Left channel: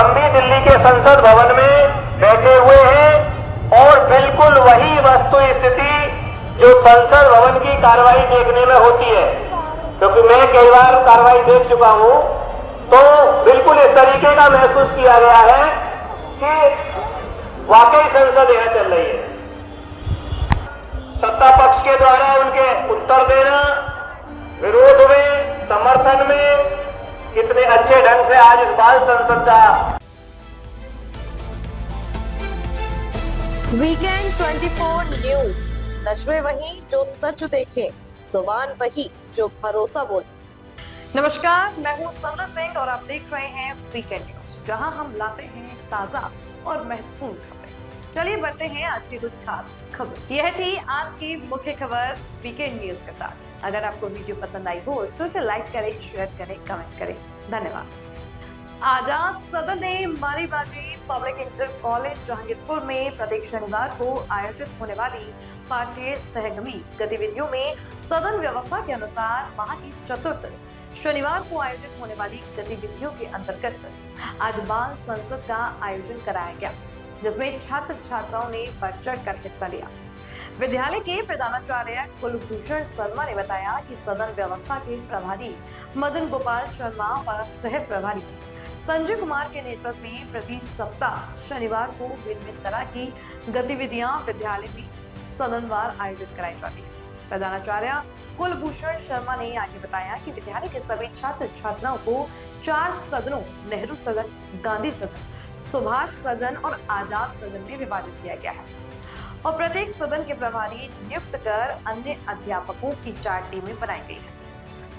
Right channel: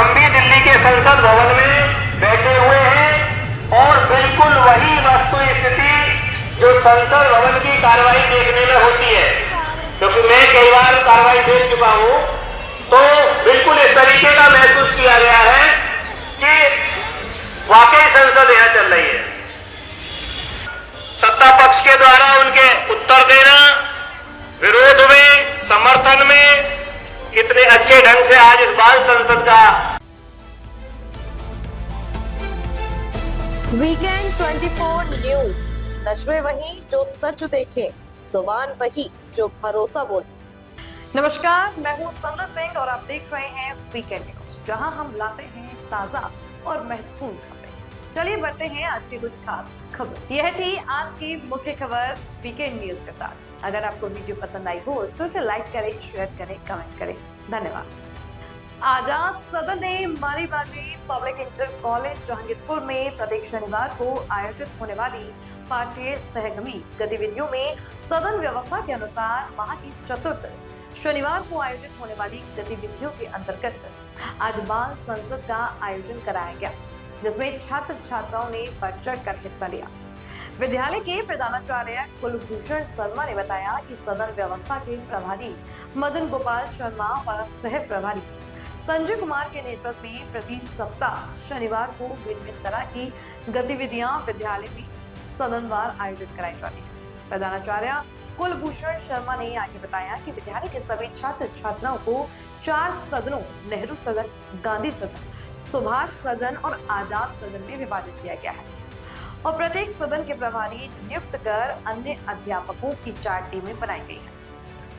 हम भी दिल्ली के संसद भवन में बैठे हुए हैं और बिल्कुल वही वस्तु स्थिति जो संसद भवन की कार्रवाई देखने में होती है, क्योंकि मैं कई बार कार्रवाई देख चुका हूं, तो बिल्कुल इस तरीके का महसूस किया गया है कि वाकई संसद यहां चल रही है। सत्ता पक्ष के द्वारा उनके उत्तर देना, विरोध में, समर्थन में कितने अच्छे ढंग से आज इस बाल संसद का वीकेंड 24 न्यूज, नजरें वही जो सच देखे, जुबान वही जो भरोसा बोले। नमस्कार, मैं हूं संदर सिंह और आप देख रहे हैं वीकेंड न्यूज, जहां हम लाते हैं ताजा और महत्वपूर्ण खबरें। चलिए बढ़ते हैं आज की कुछ खास खबर। यह थी आज की मुख्य खबर वीकेंड न्यूज के साथ। अगर आपको वीडियो पसंद आई हो तो इसे लाइक करें, शेयर करें, कमेंट करें। धन्यवाद। आजाद सदन ने मालीबाजी पब्लिक इंटर कॉलेज जहांगीरपुर में प्रत्येक शनिवार को आयोजित होने वाली पाठ्य सहगमी गतिविधियों में सदन व्यवस्था के अनुसार माह की चतुर्थ शनिवार को आयोजित होने वाली गतिविधियों के अंतर्गत आज बाल संसद का आयोजन कराया गया, जिसमें छात्र छात्राओं ने बढ़ चढ़ कर हिस्सा लिया। विद्यालय के प्रधानाचार्य कुलभूषण शर्मा ने बताया कि सदन व्यवस्था के प्रभारी मदन गोपाल शर्मा और सह प्रभारी संजय कुमार के नेतृत्व में प्रति सप्ताह शनिवार को भिन्न तरह की गतिविधियां विद्यालय में सदनवार आयोजित कराई जाती है। प्रधानाचार्य कुलभूषण शर्मा ने आगे बताया कि विद्यालय के सभी छात्र छात्राओं को 4 सदनों नेहरू सदन, गांधी सदन, सुभाष सदन और आजाद सदन में विभाजित किया गया है और प्रत्येक सदन के प्रभारी नियुक्त कर अन्य अध्यापकों की 4 टीमें बनाई गई है।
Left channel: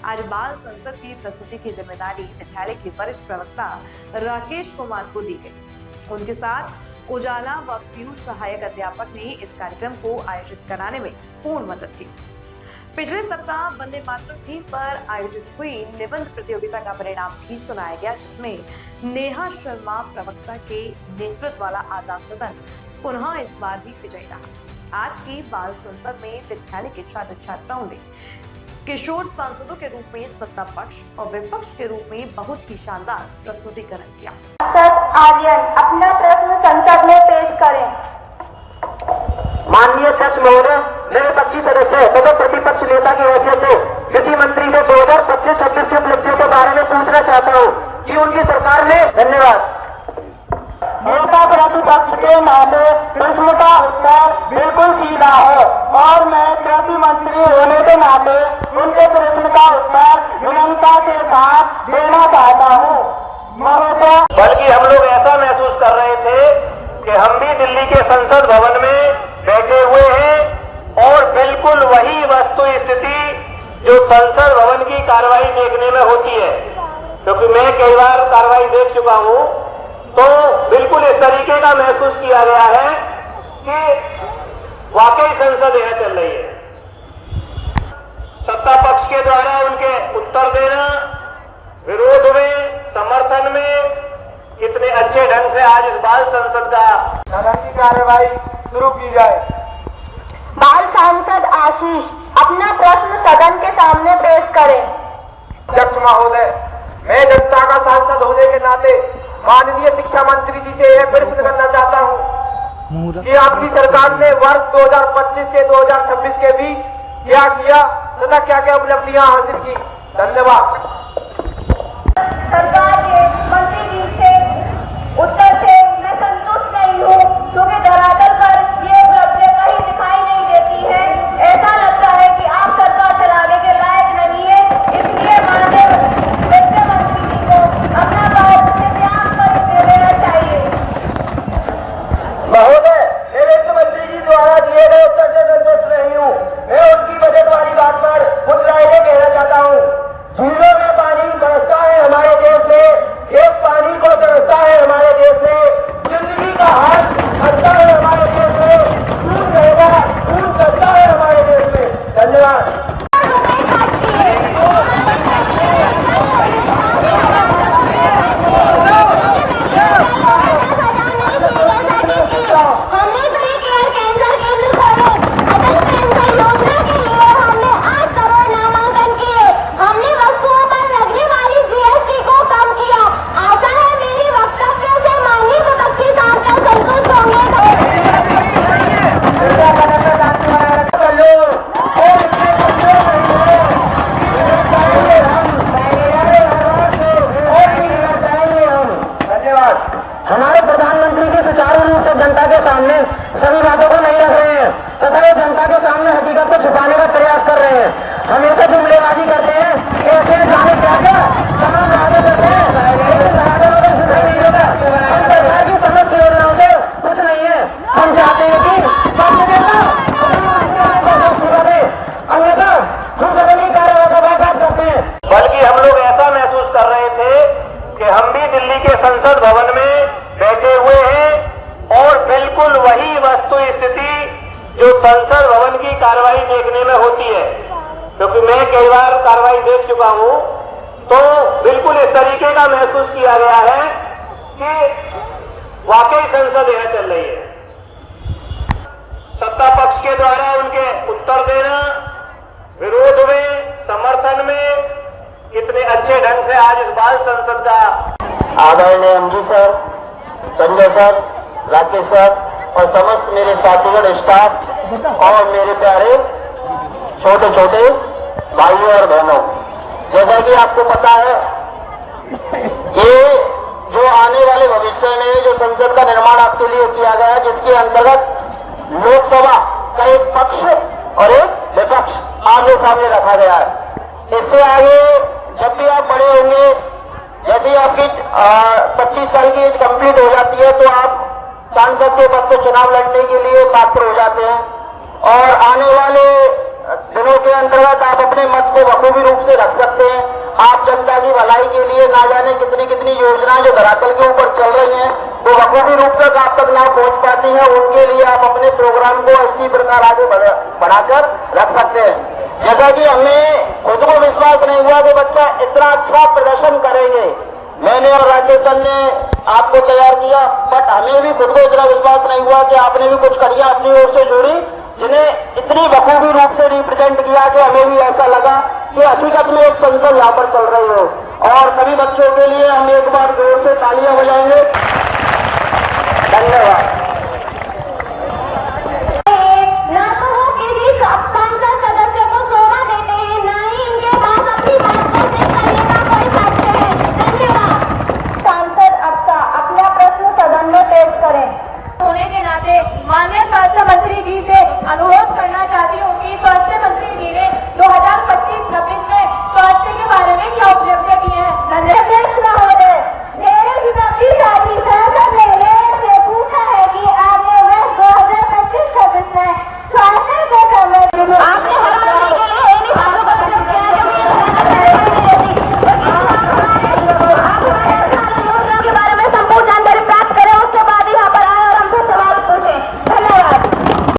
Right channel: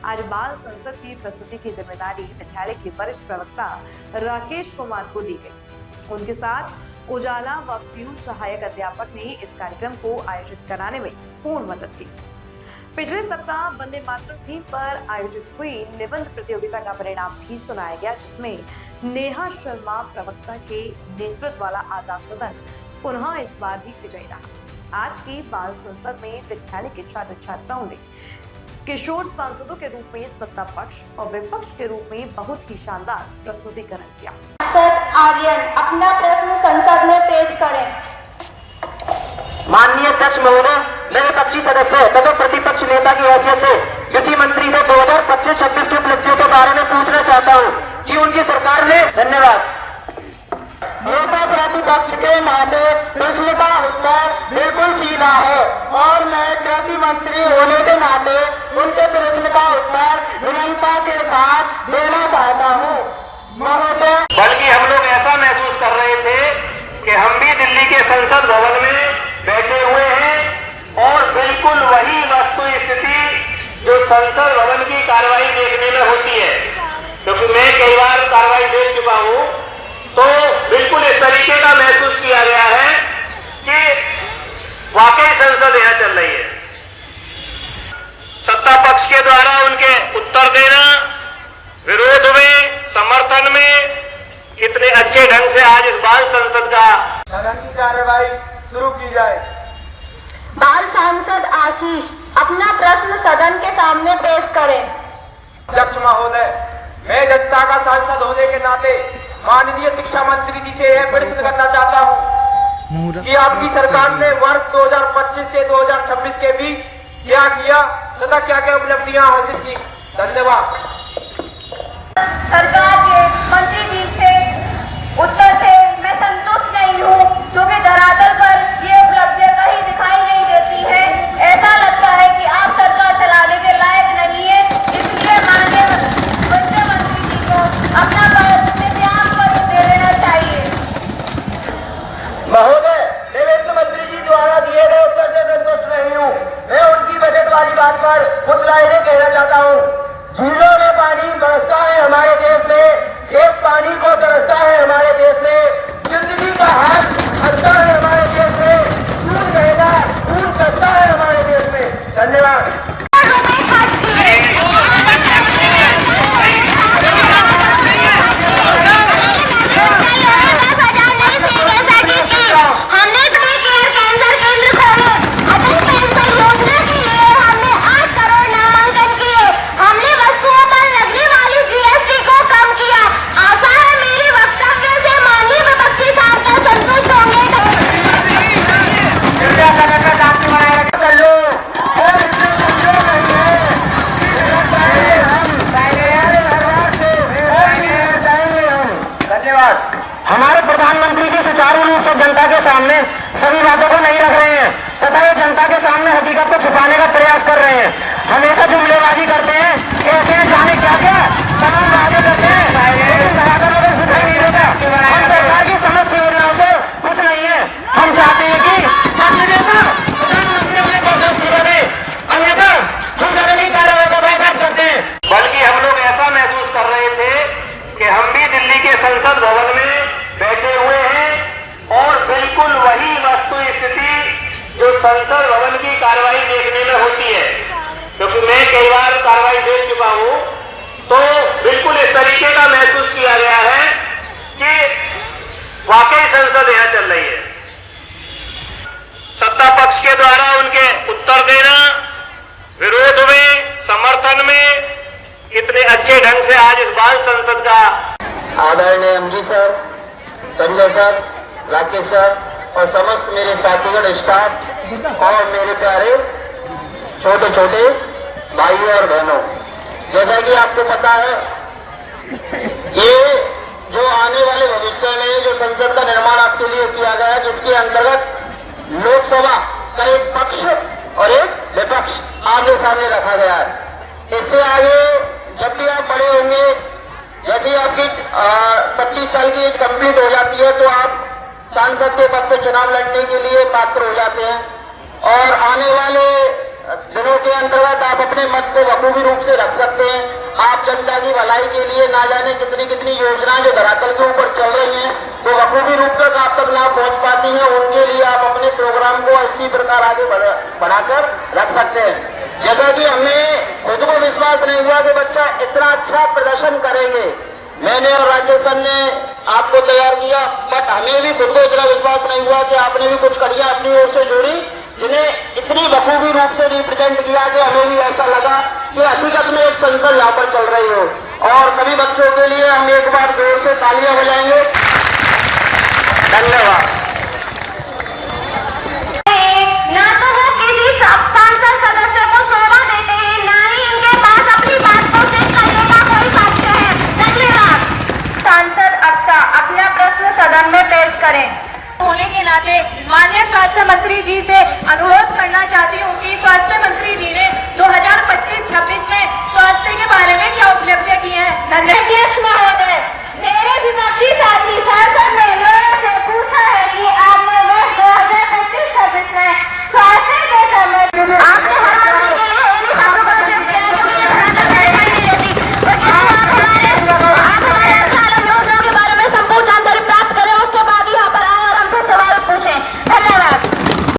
आज बाल संसद की प्रस्तुति की जिम्मेदारी विद्यालय के वरिष्ठ प्रवक्ता राकेश कुमार को दी गई। उनके साथ उजाला व पीयू सहायक अध्यापक ने इस कार्यक्रम को आयोजित कराने में पूर्ण मदद की। पिछले सप्ताह वंदे मातरम थीम पर आयोजित हुई निबंध प्रतियोगिता का परिणाम भी सुनाया गया, जिसमें नेहा शर्मा प्रवक्ता के नेतृत्व वाला आजाद सदन पुनः इस बार भी विजयी रहा। आज की बाल संसद में विद्यालय के छात्र छात्राओं ने किशोर सांसदों के रूप में सत्ता पक्ष और विपक्ष के रूप में बहुत ही शानदार प्रस्तुतिकरण किया। सांसद आर्यन अपना प्रश्न संसद में पेश करें। माननीय अध्यक्ष महोदय, मैं विपक्षी सदस्य तथा प्रतिपक्ष नेता की हैसियत से कृषि मंत्री से 2025-26 की उपलब्धियों के बारे में पूछना चाहता हूं कि उनकी सरकार ने। धन्यवाद। नेता प्रतिपक्ष के नाते प्रश्न का उत्तर बिल्कुल सीधा है और मैं कृषि मंत्री होने के नाते उनके प्रश्न का उत्तर विनम्रता के साथ देना चाहता हूँ। महोदय, बल्कि हम लोग ऐसा महसूस कर रहे थे कि हम भी दिल्ली के संसद भवन में बैठे हुए हैं और बिल्कुल वही वस्तु स्थिति जो संसद भवन की कार्रवाई देखने में होती है, क्योंकि मैं कई बार कार्रवाई देख चुका हूं, तो बिल्कुल इस तरीके का महसूस किया गया है कि वाकई संसद यहां चल रही है। सत्ता पक्ष के द्वारा उनके उत्तर देना, विरोध में, समर्थन में कितने अच्छे ढंग से आज इस बाल संसद का सदन की कार्यवाही शुरू की जाए। बाल सांसद आशीष अपना प्रश्न सदन के सामने पेश करें। अध्यक्ष महोदय, मैं जनता का सांसद होने के नाते माननीय शिक्षा मंत्री जी से यह प्रश्न करना चाहता हूं कि आपकी सरकार ने वर्ष 2025 से 2026 के बीच क्या किया तथा क्या क्या उपलब्धियां हासिल की। धन्यवाद। सरकार के मंत्री जी से उत्तर से मैं संतुष्ट नहीं हूँ, क्योंकि धरातल पर ये उपलब्धियां कहीं दिखाई नहीं देती है। ऐसा लगता है कि आप सरकार चलाने के लायक नहीं है। इसलिए माननीय वित्त मंत्री जी को अपना पद से त्याग कर दे लेना चाहिए। महोदय, मैं वित्त मंत्री जी द्वारा दिए गए उत्तर से संतुष्ट नहीं हूँ। मैं उनकी बजट वाली बात पर कुछ लाइनें कहना चाहता हूँ। झीलों में सुचारू रूप से जनता के सामने सभी बातों को नहीं रख रहे हैं तथा ये जनता के सामने हकीकत को छुपाने का प्रयास कर रहे हैं। हमेशा जुमलेबाजी करते हैं, ऐसे जाने क्या क्या तमाम वादे करते हैं, लेकिन धरातल पर सुधार नहीं देता। हम सरकार की समस्त योजनाओं से खुश नहीं है। हम चाहते हैं कि अन्यथा हम सदन की कार्रवाई का बाइकाट करते हैं। बल्कि हम लोग ऐसा महसूस कर रहे थे कि हम भी दिल्ली के संसद भवन में बैठे हुए हैं और बिल्कुल वही वस्तु स्थिति जो संसद भवन की कार्रवाई देखने में होती है, क्योंकि मैं कई बार कार्रवाई देख चुका हूं, तो बिल्कुल इस तरीके का महसूस किया गया है कि वाकई संसद यहां चल रही है। सत्ता पक्ष के द्वारा उनके उत्तर देना, विरोध में, समर्थन में इतने अच्छे ढंग से आज इस बाल संसद का आदरणीय MD sir, Sanjay sir, Rakesh sir और समस्त मेरे साथीगण, स्टाफ और मेरे प्यारे छोटे छोटे भाइयों और बहनों, जैसा कि आपको पता है ये जो आने वाले भविष्य में जो संसद का निर्माण आपके लिए किया गया है, जिसके अंतर्गत लोकसभा का एक पक्ष और एक विपक्ष आमने सामने रखा गया है। इससे आगे जब भी आप बड़े होंगे, जैसे आपकी 25 साल की एज कंप्लीट हो जाती है, तो आप सांसद के पद पर चुनाव लड़ने के लिए पात्र हो जाते हैं और आने वाले दिनों के अंतर्गत आप अपने मत को बखूबी रूप से रख सकते हैं। आप जनता की भलाई के लिए ना जाने कितनी कितनी योजनाएं जो धरातल के ऊपर चल रही हैं, वो बखूबी रूप तक आप तक ना पहुंच पाती हैं, उनके लिए आप अपने प्रोग्राम को इसी प्रकार आगे बढ़ाकर रख सकते हैं। जैसा कि हमें खुद को विश्वास नहीं हुआ कि बच्चा इतना अच्छा प्रदर्शन करेंगे, मैंने और राकेश सर ने आपको तैयार किया, बट हमें भी खुद को इतना विश्वास नहीं हुआ कि आपने भी कुछ करिया अपनी ओर से जोड़ी, जिन्हें इतनी बखूबी रूप से रिप्रेजेंट किया कि हमें भी ऐसा लगा कि हकीकत में एक संसद यहाँ पर चल रही हो। और सभी बच्चों के लिए हम एक बार जोर से तालियां बजाएंगे। धन्यवाद। ना तो वो किसी सांसद सदस्य को शोभा देते हैं, ना ही इनके पास अपनी बात को पेश करने का कोई साक्ष्य है। धन्यवाद। सांसद अक्सा अपना प्रश्न सदन में पेश करें। होने के नाते माननीय स्वास्थ्य मंत्री जी से अनुरोध करना चाहती हूँ कि स्वास्थ्य मंत्री जी ने 2025-26 में स्वास्थ्य के बारे में क्या उपलब्धियां की हैं। धन्यवाद।